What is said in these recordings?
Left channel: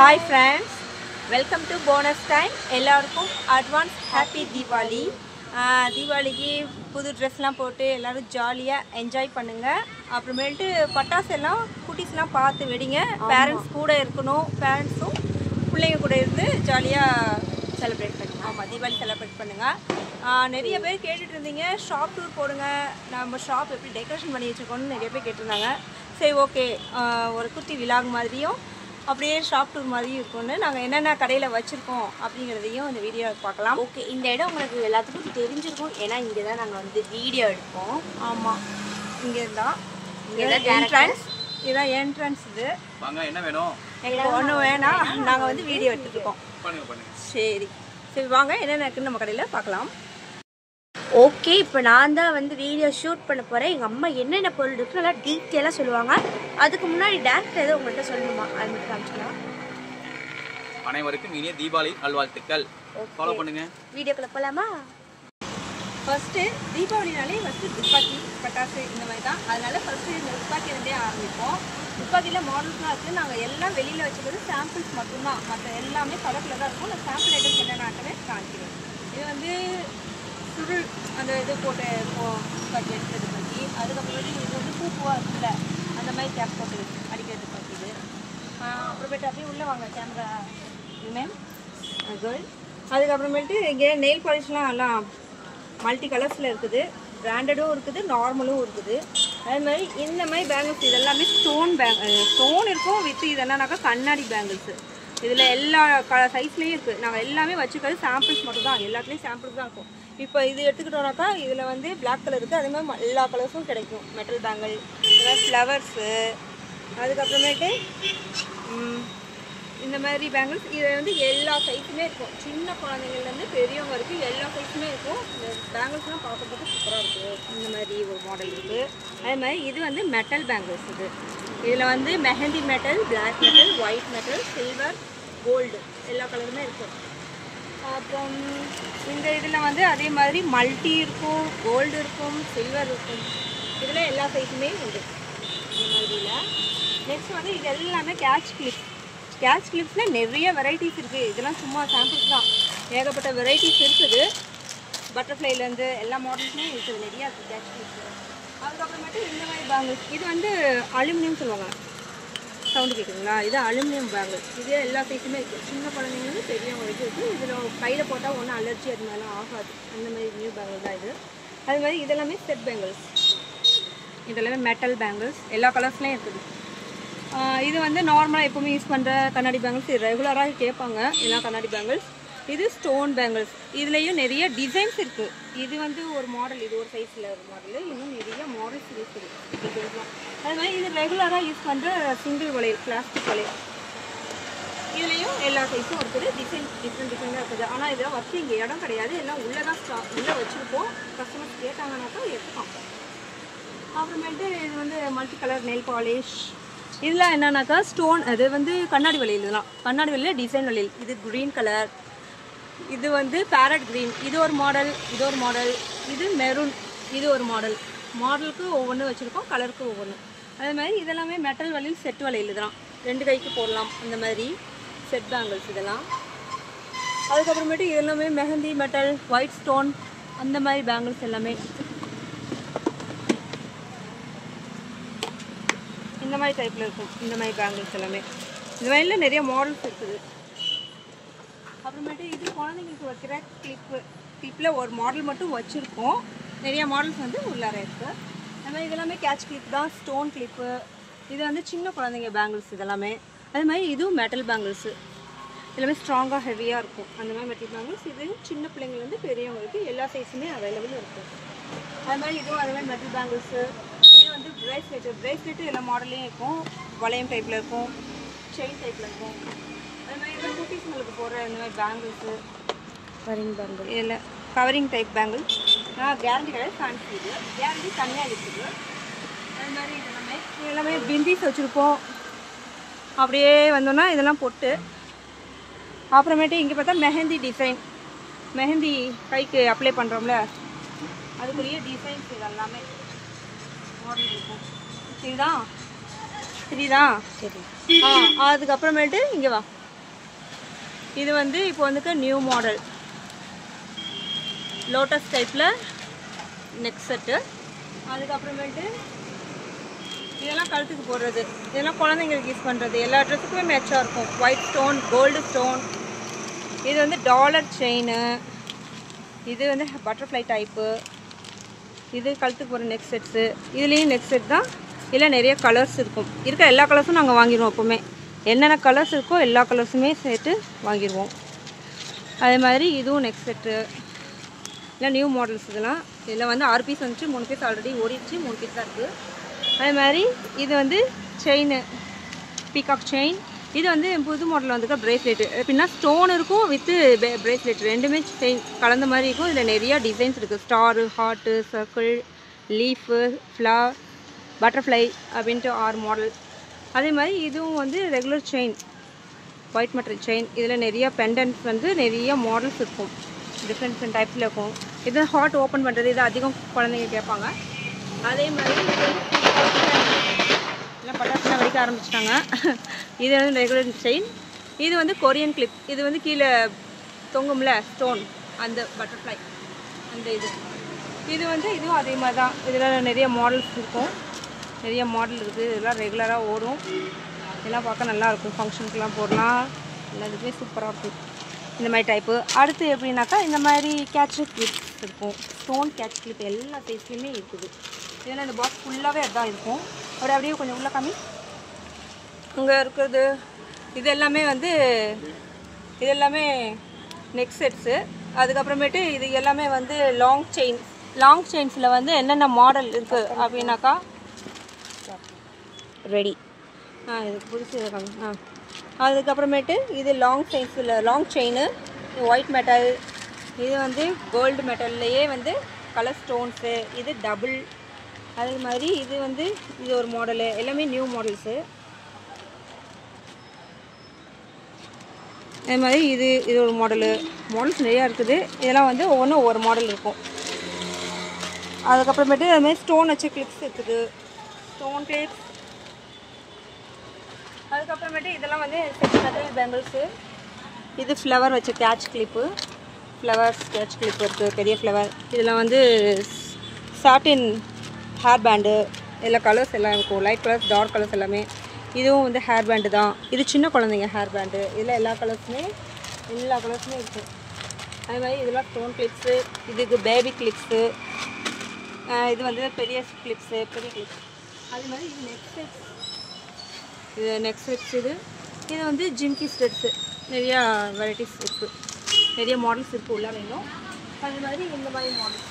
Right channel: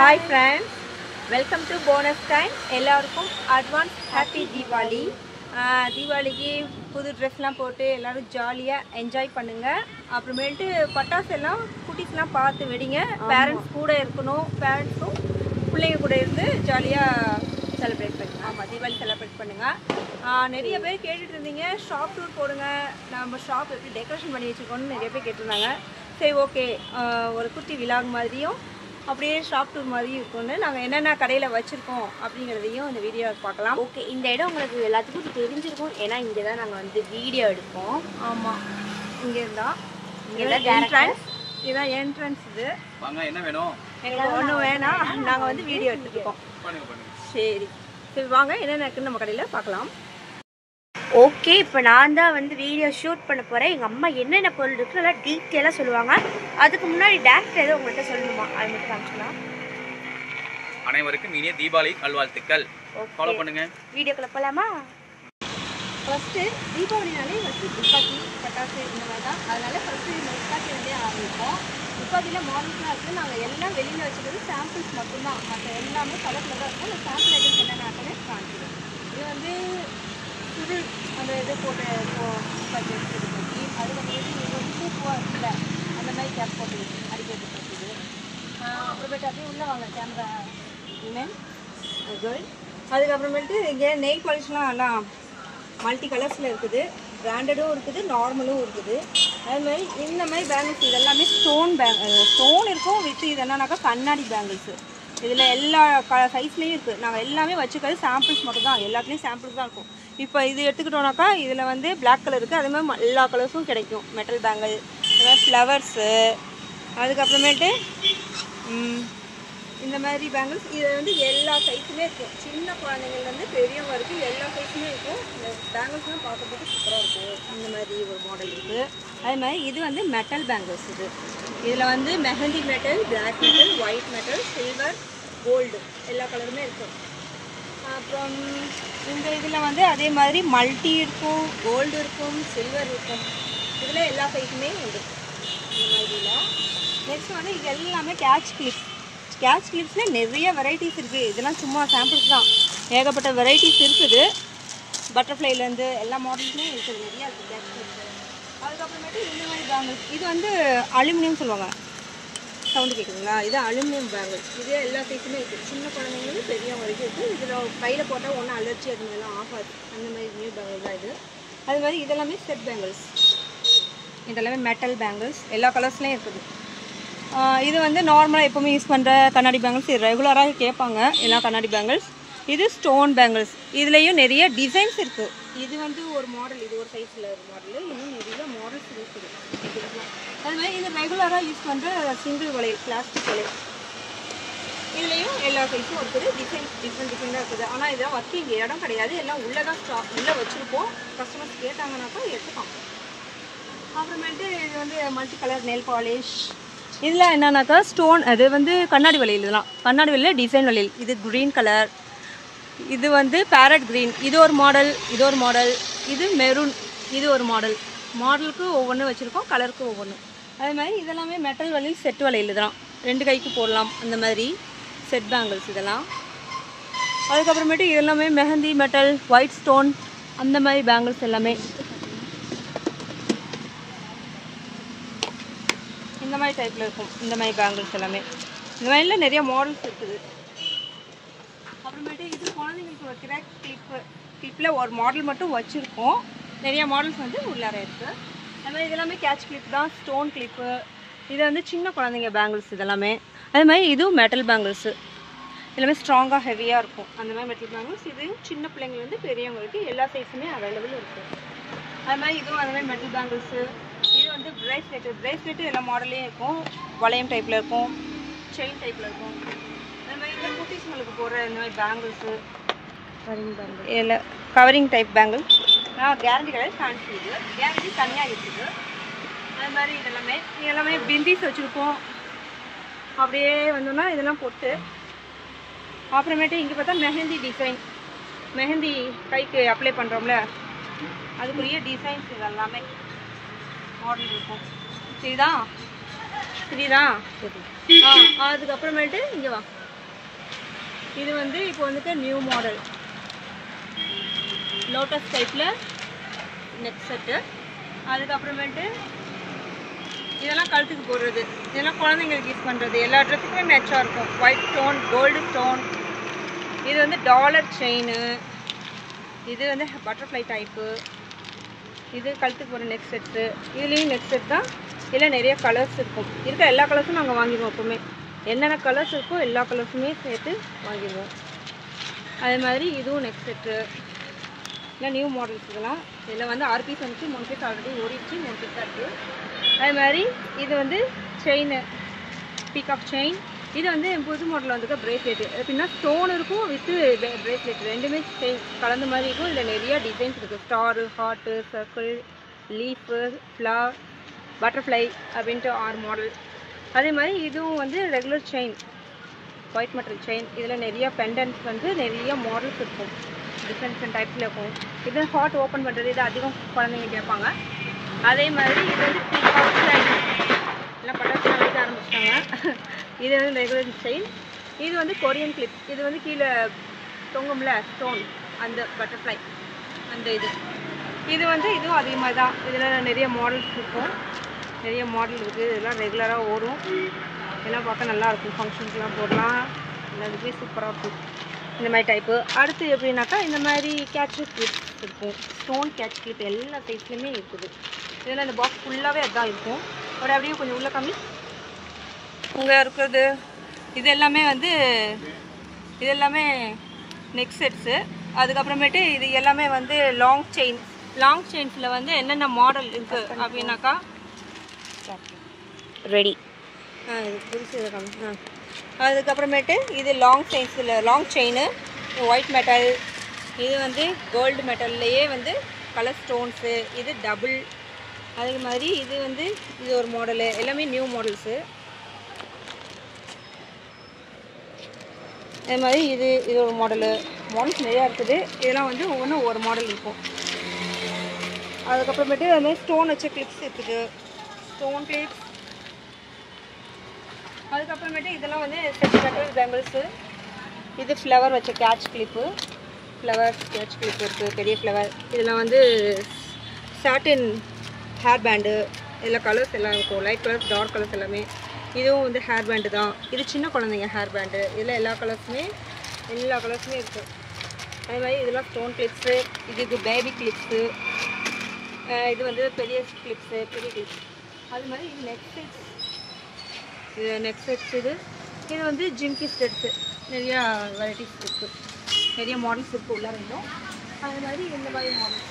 Hi friends, welcome to bonus time. எல்லாருக்கும் advance happy Diwali. தீபாவளிக்கு புது ட்ரெஸ்லாம் போட்டு எல்லாரும் ஜாலியாக என்ஜாய் பண்ணுங்கள். அப்புறமேட்டு பட்டாசு எல்லாம் குட்டீஸ்லாம் பார்த்து வெடிங்க. பேரண்ட்ஸ் கூட இருக்கணும். பேரண்ட்ஸும் பிள்ளைங்க கூட இருந்து ஜாலியாக செலிப்ரேட் பண்ணுங்கள். ஆமாம், தீபாவளி செலிப்ரேட் பண்ணுங்கள். நிறைய பேர் கேட்டுட்டு இருந்தீங்க, ஷாப் டூர் போடுங்க, நம்ம ஷாப் எப்படி டெக்கரேஷன் பண்ணி வச்சுருக்கோன்னு நிறைய பேர் கேட்டிருந்தாங்க. சரி, ஓகே, ஒரு குட்டி விலாக் மாதிரியும் அப்படியே ஷாப் டூர் மாதிரியும் இருக்கும்னு நாங்கள் என்னென்ன கடையில் வச்சுருக்கோம் அப்படிங்கிறதையும் இந்த வீடியோ பார்க்கலாம். ஓகே, இந்த இடம் உங்களுக்கு எல்லாத்துக்கும் தெரிஞ்சிருக்கும், ஏன்னா இங்கே தான் நாங்கள் வந்து வீடியோ எடுப்போம். ஆமாம், இங்கே இருந்தால் என்ட்ரன்ஸ், இதுதான் என்ட்ரன்ஸ். இது வாங்க, என்ன வேணும்? ஒன்றும் வேணாம், நாங்கள் வந்து வீடியோ எடுத்துருக்கோம். சரி சரி, வாங்க என்னென்ன இருக்குன்னு நம்ம கடையில் பார்க்கலாம். ஓகே, இப்போ நான் தான் வந்து வீடியோ ஷூட் பண்ண போகிறேன். எங்கள் அம்மா என்னென்ன பொருள் இருக்குன்னு நல்லா டீட்டெயிலாக சொல்லுவாங்க. அதுக்கு முன்னாடி டேரக்டர் ஏதோ உங்கள்கிட்ட சொல்லணுமா, அது மட்டும் காமிச்சுக்கலாம். அனைவருக்கும் இனிய தீபாவளி நல்வாழ்த்துக்கள். ஃபாலோ பண்ணுங்க. வீடியோக்குள்ள போகலாமா? ஃபஸ்ட்டு தீபாவளினாலே ஃபஸ்ட்டு துப்பாக்கி பட்டாசு இந்த மாதிரி தான். அதனால ஃபஸ்ட்டு இந்த துப்பாக்கி வந்து ஆரம்பிப்போம். துப்பாக்கியில் மாடல்ஸ்லாம் இருக்குது. நாங்கள் எல்லாம் வெளியில் வச்சுக்கிறது சாம்பிள்ஸ் மட்டும்தான். மற்ற எல்லாமே கலரில் தான் இருக்கும். நான் சாம்பிள் ஐட்டம்ஸ் என்னென்னு காமிக்கிறேன். இது வந்து சுருள் அந்த இது போட்டு துப்பாக்கி அடிக்கிற துப்பாக்கி. அதுக்கப்புறம் இது வந்து பூவாக இருக்குல்ல, அந்த மாதிரி கேப் போட்டு அடிக்கிற துப்பாக்கி இது. அப்புறமேட்டு அப்படியே உள்ளே வாங்க கேமரா விமன் கேர்ள். அதுக்கப்புறமேட்டு இங்கே நெயில் பாலிஷ்லாம் எல்லாம் மல்டி கலர்ஸில் இருக்குது. பிராண்டடும் இருக்குது, நார்மலும் இருக்குது. அதே மாதிரி இந்த மாதிரி பேங்கிள்ஸ் இதெல்லாமே ஸ்டோன் இருக்கும் வித் இது என்னன்னாக்கா கண்ணாடி பேங்கிள்ஸு. இதில் எல்லா சைஸ்லேயும் இருக்குது. நாங்கள் எல்லாமே வச்சுக்கிறது சாம்பிள்ஸ் மட்டும் தான், எல்லாத்துலேயும் சாம்பிள்ஸ் தான் இருக்கும். இப்போ இது எடுத்துக்கிட்டோம்னாக்கா இதில் வந்து பிளாக் கலர் இருக்குது. அதே மாதிரி எல்லா கலர்ஸும் கிடைக்கும். மெட்டல் பேங்கிள், ஃப்ளவர்ஸு, அதுக்கப்புறமேட்டு இந்த மாதிரி பேங்கிள்ஸ். இதில் வந்து எல்லா சைஸுமே இருக்கும். சின்ன குழந்தைங்கள்லேருந்து பெரியவங்க இருக்குது, எல்லா சைஸுமே இருக்கும். இந்த பேங்கிள்ஸ்லாம் பார்க்கும்போது சூப்பராக இருக்கும். இந்த மாதிரி ஒரு மாடல் இருக்குது. அதே மாதிரி இது வந்து மெட்டல் பேங்கிள்ஸ். இதில் வந்து mehndi metal, black metal, white metal, silver, gold எல்லா கலருமே இருக்கும். அப்புறம் இந்த இதில் வந்து அதே மாதிரி மல்டி இருக்கும், கோல்டு இருக்கும், சில்வர் இருக்கும். இதில் எல்லா சைஸுமே உண்டு இந்த மாதிரியில். நெக்ஸ்ட் வந்து இது எல்லாமே கேட்ச் கிளிப்ஸ். கேட்ச் கிளிப்ஸில் நிறைய வெரைட்டிஸ் இருக்குது. இதெல்லாம் சும்மா சாம்பிள்ஸ் தான், ஏகப்பட்ட வெரைட்டிஸ் இருக்குது. பட்டர்ஃப்ளைலேருந்து எல்லா மாடல்ஸுமே இருக்குது, நிறையா இருக்குது கேட்ச் கிளிப்ஸு. அதுக்கப்புறமேட்டு இந்த மாதிரி பேங்கிள்ஸ். இது வந்து அலுமினியம் சொல்லுவாங்க. சவுண்டு கேட்குதுங்களா? இது அலுமினியம் பேங்கிள். இது எல்லா சைஸுமே இருக்குது. சின்ன குழந்தைங்களுக்கு பெரியவங்க வரைக்கும் இருக்குது. இதில் கையில் போட்டால் ஒன்றும் அலர்ஜி அது மாதிரிலாம் ஆகாது. அந்த மாதிரி நியூ பேங்கிள் தான் இது. அது மாதிரி இதெல்லாமே செட் பேங்கிள்ஸ். இதெல்லாமே மெட்டல் பேங்கிள்ஸ், எல்லா கலர்ஸ்லேயும் இருக்குது. இது வந்து நார்மலாக எப்போவுமே யூஸ் பண்ணுற கண்ணாடி பேங்கிள்ஸ். இது ரெகுலராக கேட்பாங்க எல்லா கண்ணாடி பேங்கிள்ஸ். இது ஸ்டோன் பேங்கிள்ஸ். இதுலேயும் நிறைய டிசைன்ஸ் இருக்குது. இது வந்து ஒரு மாடல், இது ஒரு சைஸில் ஒரு மாடலு. இன்னும் நிறைய மாடல்ஸ் இருக்குது இதுலாம். அது மாதிரி இது ரெகுலராக யூஸ் பண்ணுற சிங்கிள் வளையல், பிளாஸ்டிக் வளையல். இதுலேயும் எல்லா சைஸும் இருக்குது. டிஃப்ரெண்ட்டாக இருக்குது. ஆனால் இதெல்லாம் வச்சு இங்கே இடம் கிடையாது, எல்லாம் உள்ளே தான் உள்ளே வச்சுருப்போம். கஸ்டமர்ஸ் கேட்டாங்கனாக்கா எடுத்து காமிப்போம். அப்புறமேட்டு இது வந்து மல்டி கலர் நெயில் பாலிஷ். இதெல்லாம் என்னன்னாக்கா ஸ்டோன், அது வந்து கண்ணாடி வளையல். இதெல்லாம் கண்ணாடி வளையல், டிசைன் வளையல். இது க்ரீன் கலர், இது வந்து பேரட் க்ரீன், இது ஒரு மாடல், இது ஒரு மாடல். இது மெரூன், இது ஒரு மாடல். மாடலுக்கு ஒவ்வொன்று வச்சுருக்கோம், கலருக்கு ஒவ்வொன்று. அதே மாதிரி இதெல்லாமே மெட்டல் வளையல், செட் வளையல். இதெல்லாம் 2 கைக்கு போடலாம், அந்த மாதிரி செட் பேங்கிள்ஸ் இதெல்லாம். அதுக்கப்புறமேட்டு இதெல்லாமே மெஹந்தி மெட்டல், ஒயிட் ஸ்டோன், அந்த மாதிரி பேங்கிள்ஸ் எல்லாமே. இந்த மாதிரி டைப்பில் இருக்கும் இந்த மாதிரி பேங்கிள்ஸ் எல்லாமே. இந்த மாதிரிலாம் நிறைய மாடல்ஸ் இருக்குது. அப்புறமேட்டு இது குழந்தைங்களுக்கு வைக்கிற கிளிப்பில் ஒரு மாடல் மட்டும் வச்சுருக்கோம். நிறைய மாடல்ஸ் வந்து உள்ளார இருக்குது. அது மாதிரி இதெல்லாமே கேட்ச் கிளிப் தான், ஸ்டோன் கிளிப்பு. இது வந்து சின்ன குழந்தைங்க பேங்கிள்ஸ் இதெல்லாமே. அது மாதிரி இதுவும் மெட்டல் பேங்கிள்ஸு. எல்லாமே ஸ்ட்ராங்காக ஹெவியாக இருக்கும் அந்த மாதிரி மெட்டல் பேங்கிள்ஸ். இதுவும் சின்ன பிள்ளைங்கள்லேருந்து பெரியவங்களுக்கு எல்லா சைஸுமே அவைலபிள் இருக்குது. அது மாதிரி இதுவும் அது மாதிரி மெட்டல் பேங்கிள்ஸு. இது வந்து பிரேஸ்லெட்டு எல்லா மாடல்லையும் இருக்கும். வளையம் டைப்பில் இருக்கும், செயின் டைப்பில் இருக்கும். அது மாதிரி இதில் குட்டீஸ்ங்களுக்கு போடுற இந்த மாதிரி பேங்கிள்ஸு, கவரிங் பேங்கிள், இல்லை கவரிங் டைப் பேங்கிள். கேரண்டி கிடையாது, ஃபேன்சி. இது கேரண்டி தனியாக இருக்குது. அது மாதிரி இதெல்லாமே பிந்திஸ் வச்சுருப்போம். அப்படியே வந்தோன்னா இதெல்லாம் போட்டு. அப்புறமேட்டு இங்கே பார்த்தா மெஹந்தி டிசைன், மெஹந்தி கைக்கு அப்ளை பண்ணுறோம்ல, அதுக்குரிய டிசைன்ஸ் இதெல்லாமே மாடல் இருக்கும். சரிதா? அதுக்கப்புறமேட்டு இங்கே வா, இது வந்து இப்போ வந்துட்டு நியூ மாடல் லோட்டஸ் டைப்பில் நெக் செட்டு. அதுக்கப்புறமேட்டு இதெல்லாம் கழுத்துக்கு போடுறது, இதெல்லாம் குழந்தைங்களுக்கு யூஸ் பண்ணுறது, எல்லா ட்ரெஸ்ஸுக்குமே மேட்சாக இருக்கும். White stone, gold stone. இது வந்து டாலர் செயின். இது வந்து பட்டர்ஃப்ளை டைப்பு. இது கழுத்துக்கு போகிற நெக் செட்ஸு. இதுலேயும் நெக் செட் தான். இதில் நிறைய கலர்ஸ் இருக்கும். இருக்கிற எல்லா கலர்ஸும் நாங்கள் வாங்கிடுவோம். எப்போவுமே என்னென்ன கலர்ஸ் இருக்கோ எல்லா கலர்ஸுமே சேர்த்து வாங்கிடுவோம். அதே மாதிரி இதுவும் நெக் செட்டு. இல்லை நியூ மாடல்ஸ் இதெல்லாம். இதில் வந்து 6 பீஸ் வந்துச்சு, 3 பீஸ் ஆல்ரெடி ஓடிடுச்சு, 3 பீஸ் தான் இருக்குது. அதே மாதிரி இது வந்து செயின், பீகாக் செயின். இது வந்து புது மாடல் வந்துக்க பிரேஸ்லெட்டு. எப்படின்னா ஸ்டோன் இருக்கும் வித்து பிரேஸ்லெட், ரெண்டுமே செயின் கலந்த மாதிரி இருக்கும். இதில் நிறையா டிசைன்ஸ் இருக்குது. Star, heart, circle, leaf, flower, butterfly அப்படின்ட்டு 6 மாடல். அதே மாதிரி இதுவும் வந்து regular chain, white metal chain. இதில் நிறைய பெண்டன்ட்ஸ் வந்து நிறைய மாடல்ஸ் இருக்கும், டிஃப்ரெண்ட் டைப்ஸில் இருக்கும். இது ஹார்ட் ஓப்பன் பண்ணுறது, இது அதிகம் குழந்தைங்க கேட்பாங்க. அதே மாதிரி இது வந்து எல்லாம் பட்டர்ஃப்ளை வைக்க ஆரம்பிச்சிட்டாங்க. இது வந்து ரெகுலர் செயின். இது வந்து கொரியன் கிளிப். இது வந்து கீழே தொங்கும்ல ஸ்டோன், அந்த பட்டர்ஃப்ளை அந்த இது வந்து இதுவும் அதே மாதிரி தான். இதில் நிறைய மாடல்ஸ் இருக்கும், நிறைய மாடல் இருக்குது. இதெல்லாம் ரெகுலராக ஓடும். இதெல்லாம் பார்க்க நல்லாயிருக்கும், ஃபங்க்ஷனுக்குலாம் போடலாம். எல்லாத்துக்குமே சூப்பராக இருக்கும் இந்த மாதிரி டைப்பு. அடுத்து எப்படின்னாக்கா இந்த மாதிரி கேட்ச் கிளிப்ஸ் இருக்கும், ஸ்டோன் கேட்ச் கிளிப் எல்லா சைஸ்லேயுமே இருக்குது. இதெல்லாம் இந்த பாக்ஸ் ஃபுல்லாகவே அதுதான் இருக்கும். ஒரு அப்படியே கொஞ்சம் உள்ள கம்மி இங்கே இருக்கிறது. இது எல்லாமே வந்து இது எல்லாமே நெக் செட்ஸு. அதுக்கப்புறமேட்டு இது எல்லாமே வந்து லாங் செயின். லாங் செயின்ஸில் வந்து என்னென்ன மாடல் இருக்குது அப்படின்னாக்கா ரெடி. இது புதுசு. அதுக்கப்புறமேட்டு இது லாங் செயின்ஸில் லாங் செயின், ஒயிட் மெட்டல். இது வந்து கோல்டு மெட்டல்லையே வந்து கலர் ஸ்டோன்ஸு. இது டபுள். அதே மாதிரி இது வந்து இது ஒரு மாடலு. எல்லாமே நியூ மாடல்ஸு. அதே மாதிரி இது ஒரு மாடலு. மாடல்ஸ் நிறையா இருக்குது. இதெல்லாம் வந்து ஒவ்வொன்றும் ஒவ்வொரு மாடல் இருக்கும். அதுக்கப்புறமேட்டு அதுமாதிரி ஸ்டோன் வச்ச கிளிப்ஸ் இருக்குது, ஸ்டோன் கிளிப்ஸ். அதுக்கப்புறமேட்டு இதெல்லாம் வந்து மெட்டல் பேங்கிள்ஸு. இது ஃப்ளவர் வச்ச catch clip, flowers catch clip இருக்குது, பெரிய ஃப்ளவர். இதில் வந்து சாட்டின் ஹேர் பேண்டு. இதில் கலர்ஸ் எல்லாம் இருக்கும், லைட் கலர்ஸ், டார்க் கலர்ஸ் எல்லாமே. இதுவும் வந்து ஹேர் பேண்டு தான். இது சின்ன குழந்தைங்க ஹேர் பேண்டு. இதில் எல்லா கலர்ஸுமே இருக்குது. அதே மாதிரி இதெல்லாம் ஸ்டோன் கிளிப்ஸு. இதுக்கு பேபி கிளிப்ஸு. இது வந்து பெரிய கிளிப்ஸு, பெரிய கிளிப்ஸ். அது மாதிரி இது நெக் செட்ஸ். இது நெக் செட்ஸ். இது வந்து ஜிம்கி செட்ஸு. நிறையா வெரைட்டிஸ் இருக்குது, நிறைய மாடல்ஸ் இருக்குது உள்ள வேணும். அதே மாதிரி இந்த மாதிரி மாடல்ஸ்.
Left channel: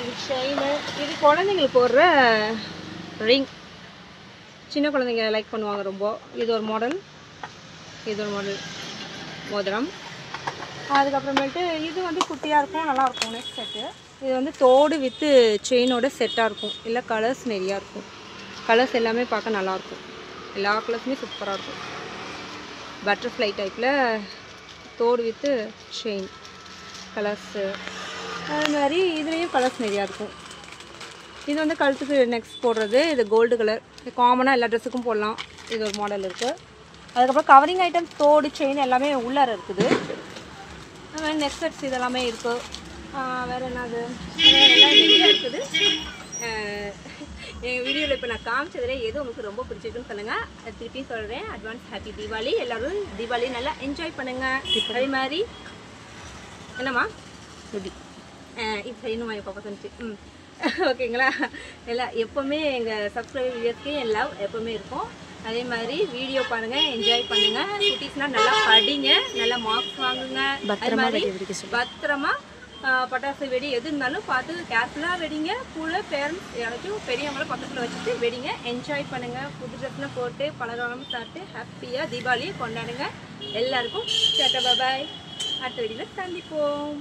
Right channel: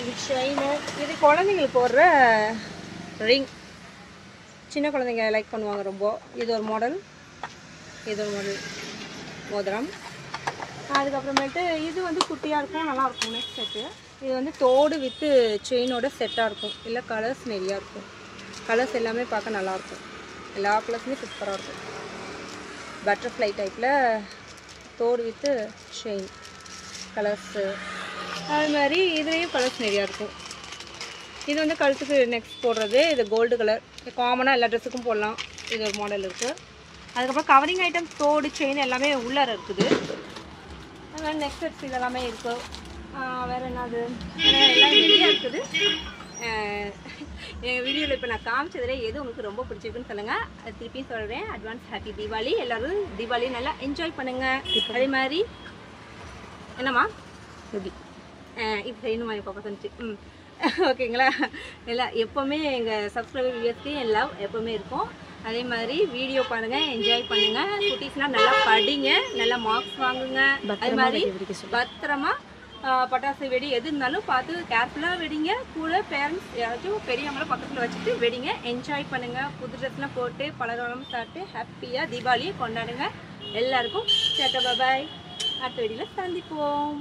இது செயின். இது குழந்தைங்களுக்கு போடுற ரிங், சின்ன குழந்தைங்க லைக் பண்ணுவாங்க ரொம்ப. இது ஒரு மாடல், இது ஒரு மாடல் மோதிரம். அதுக்கப்புறமேட்டு இது வந்து குட்டியாக இருக்கும், நல்லாயிருக்கும் நெக் செட்டு. இது வந்து தோடு வித்து செயினோட செட்டாக இருக்கும். இல்லை கலர்ஸ் நிறையா இருக்கும். கலர்ஸ் எல்லாமே பார்க்க நல்லாயிருக்கும். எல்லா கலர்ஸுமே சூப்பராக இருக்கும். பட்டர்ஃப்ளை டைப்பில் தோடு வித்து செயின் கலர்ஸு. அது மாதிரி இதுலேயும் கலர்ஸ் நிறையா இருக்கும். இது வந்து கழுத்துக்கு நெக்ஸ்ட் போடுறது. இது கோல்டு கலர், காமனாக எல்லா ட்ரெஸ்ஸுக்கும் போடலாம். இது ஒரு மாடல் இருக்குது. அதுக்கப்புறம் கவரிங் ஐட்டம், தோடு, செயின் எல்லாமே உள்ளார இருக்குது. நெக் செட்ஸ் இதெல்லாமே இருக்குது. வேறு என்னது எல்லாம் நிறையா இருக்குது. எங்கள் வீடியோவில் இப்போ நான் காமிச்சதில் எது உங்களுக்கு ரொம்ப பிடிச்சிருக்குன்னு சொல்லுங்கள். அது திருப்பியும் சொல்கிறேன். Advance happy Deepavali. எல்லோரும் தீபாவளி நல்லா என்ஜாய் பண்ணுங்கள். அதே மாதிரி என்னம்மா எப்படி இது செய்யணுமா என் பாப்பா சொன்னிச்சு. ஓகேங்களா? எல்லாம் எப்போவுமே எங்கள் சப்ஸ்கிரைபர் வீடியோஸ்க்கு என் லவ் எப்போவுமே இருக்கும். அதே மாதிரி வீடியோ பாருங்கள், என்ஜாய் பண்ணுங்கள். குட்டீஸ்னால் நல்லா படிங்க, நல்லா மார்க்ஸ் வாங்குங்க. அதே மாதிரி பத்திரமா பட்டாசு வெடி எது இருந்தாலும் பார்த்து கேர்ஃபுல்லாக வெடிங்க. கூட பேரண்ட்ஸ் யாராச்சும் பெரியவங்கள பக்கத்தில் வச்சுட்டு வெடிங்க. என்ஜாய் பண்ணுங்கள். புது ட்ரெஸ்லாம் போட்டு பலகாரம் சாப்பிட்டு ஹாப்பியாக தீபாவளியை கொண்டாடுங்க. எல்லாருக்கும் டாடா பாய். அடுத்த வீடியோவில் சந்திப்போம்.